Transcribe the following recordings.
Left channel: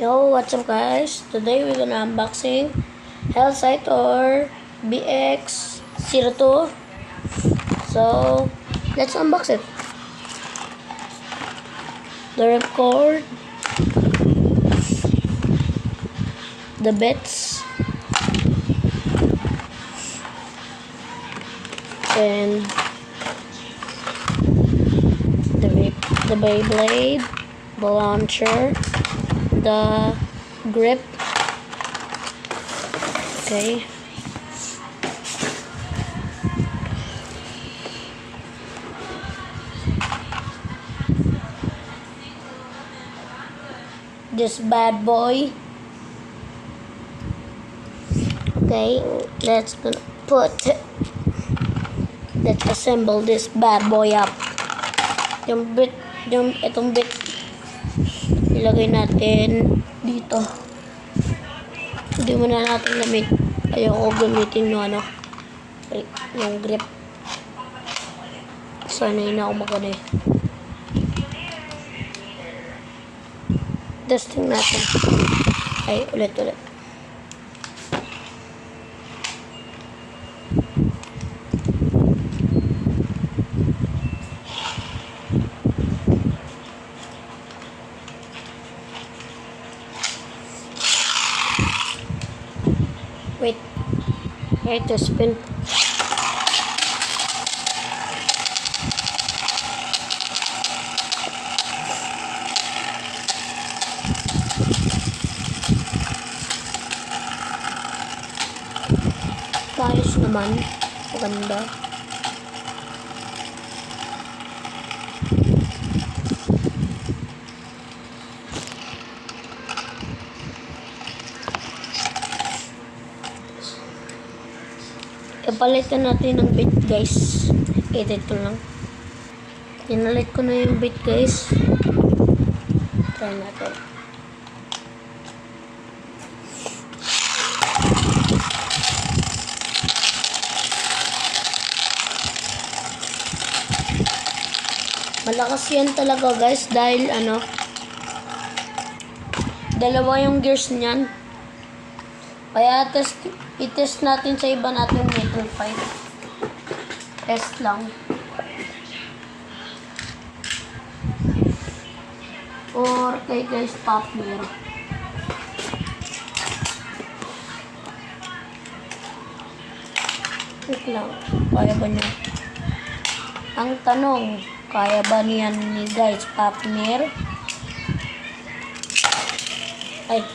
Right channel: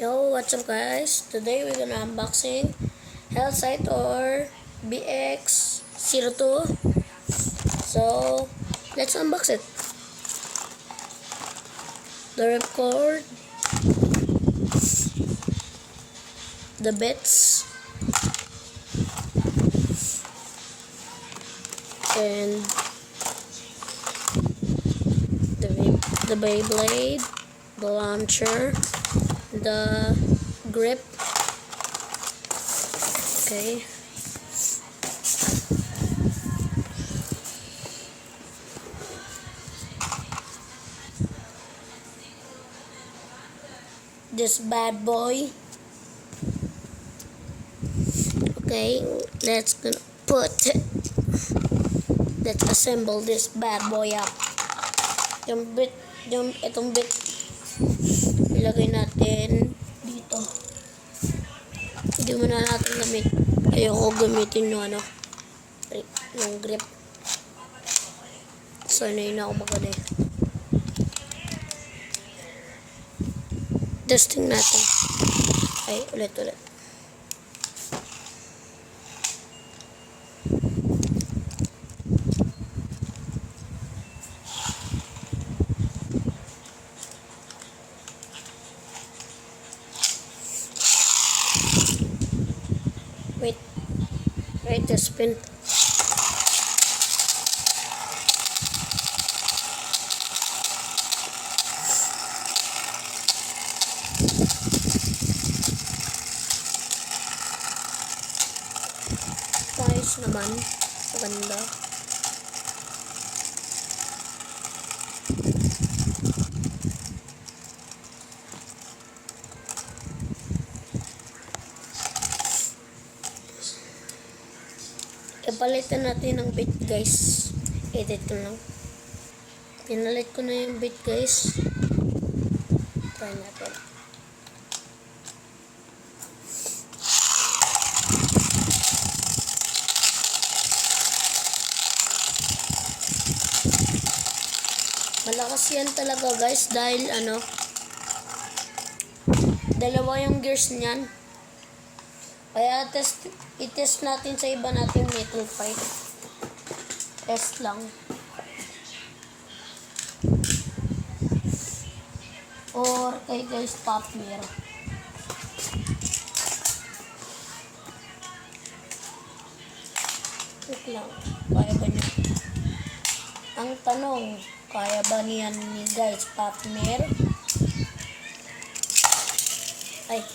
Yo, what's up guys? Today we're gonna unboxing Hellsight or BX02. So, let's unbox it. The ripcord, the bits, and the Beyblade, the launcher, the grip. Okay. This bad boy. Okay, let's assemble this bad boy up. Itong bit ilagay natin dito. Hindi mo na natin ayoko gamitin yung yung grip. Sanay na ako magano eh. Testing natin. Ay, ulit. Wait to spin. Ayos naman. Maganda. Palitan natin ng bit guys. Edit ko lang. Pinalit ko na yung bit guys. Try natin. Malakas yan talaga guys dahil dalawa yung gears niyan. Kaya i-test natin sa iba natin metal pipe. Test lang. Or kay guys Popner. Wait lang. Kaya ba niya? Ang tanong, kaya ba niyan ni guys Popner? Ay.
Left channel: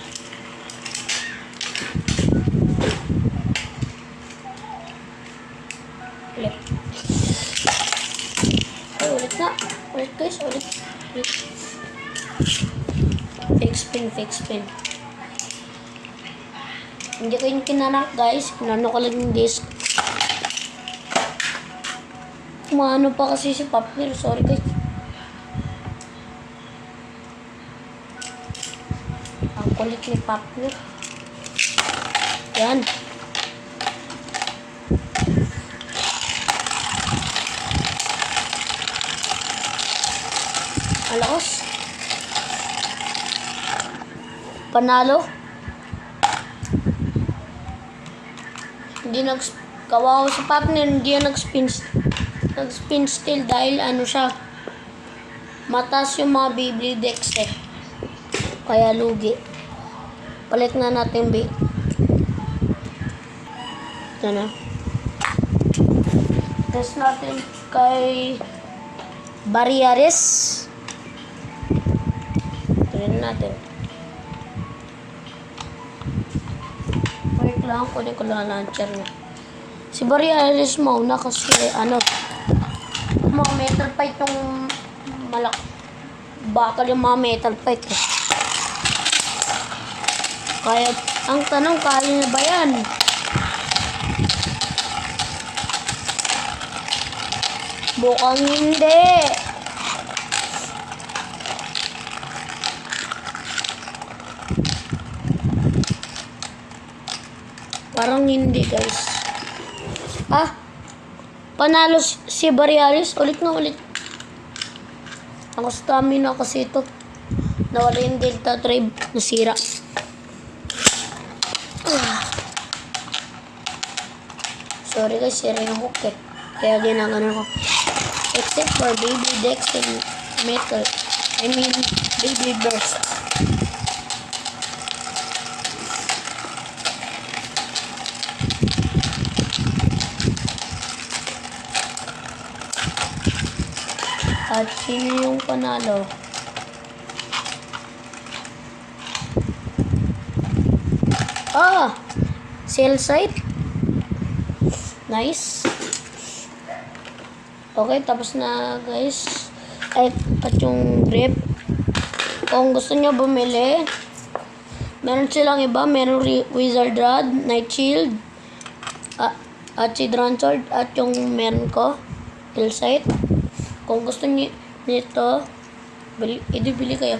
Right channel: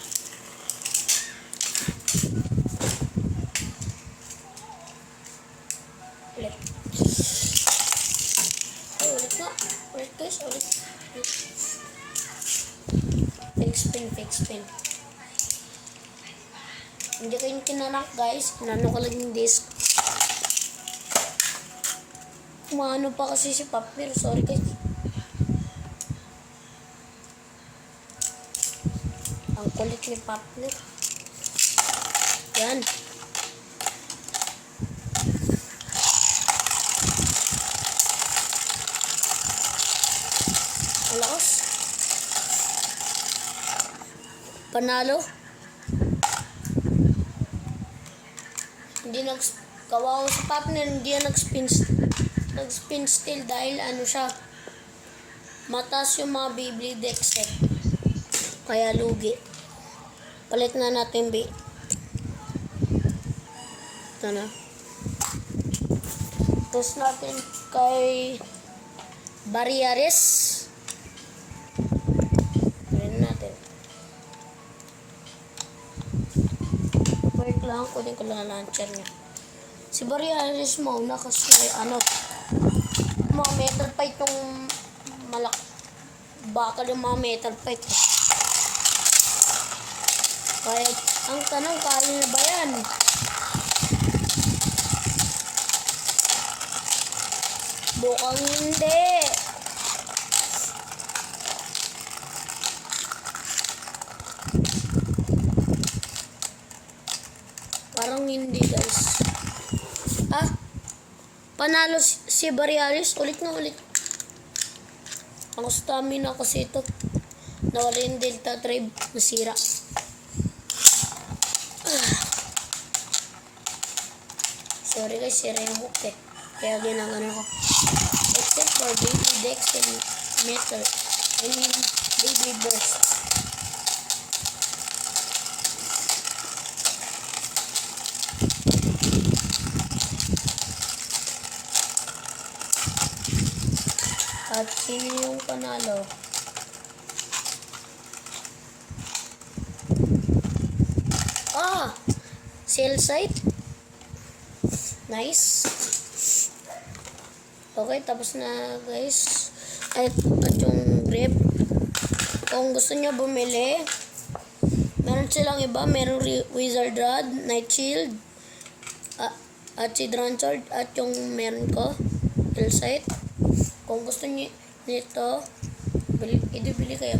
Ulit guys. Fake spin. Hindi ko yung kinanak guys. Kinano ko lang yung disc. Maano pa kasi si Popner. Sorry guys. Ang kulit ni Popner. Yan. Alakas. Panalo. Hindi kawawa si Popner, hindi yan nag-spin still dahil siya. Mataas yung mga Beyblade decks eh. Kaya lugi. Palit na natin B. Ito na. Test natin kay Barriares. Natin. Wait lang, kunin ko lang launcher niya. Si Barriares mauna kasi mga metal pipe yung bakal yung mga metal pipe eh. Kaya, ang tanong, kaya na ba yan? Bukang hindi. Parang hindi guys. Panalo si Barriares. Ulit. Ang stamina kasi ito. Nawala yung Delta Tribe. Nasira. Sorry guys, sira yung hook eh. Kaya ginagano ko. Except for baby Dex and metal. I mean, baby burst. At sino yung panalo? Cell site. Nice. Okay, tapos na guys. At yung grip. Kung gusto nyo bumili, meron silang iba. Meron Wizard Rod, Night Shield, at si Drone Sword, at yung meron ko, Cell site. Kung gusto nyo nito, bili kayo.